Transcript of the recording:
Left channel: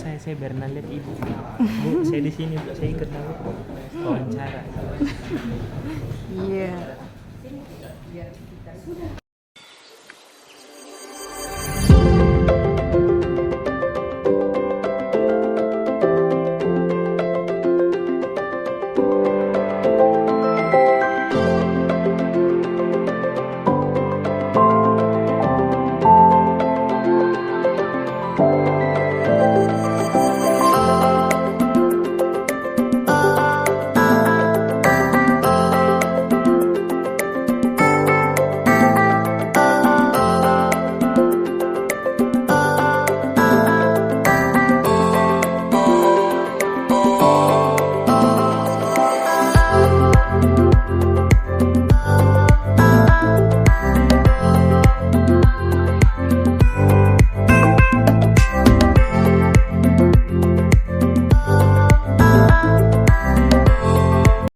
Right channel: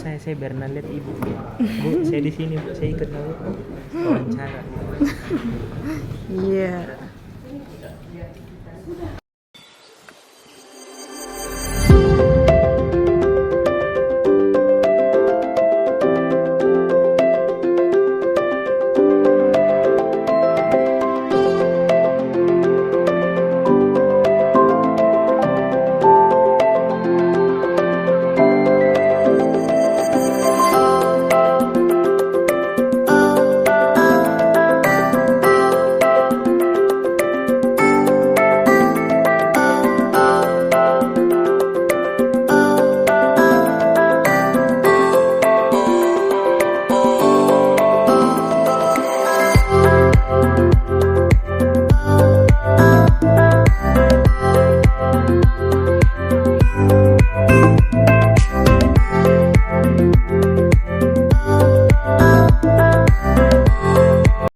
saya Berna lihat ibu. Bu, saya di sini, Bu. Saya ikut lah, Bu. Wawancara. Iya.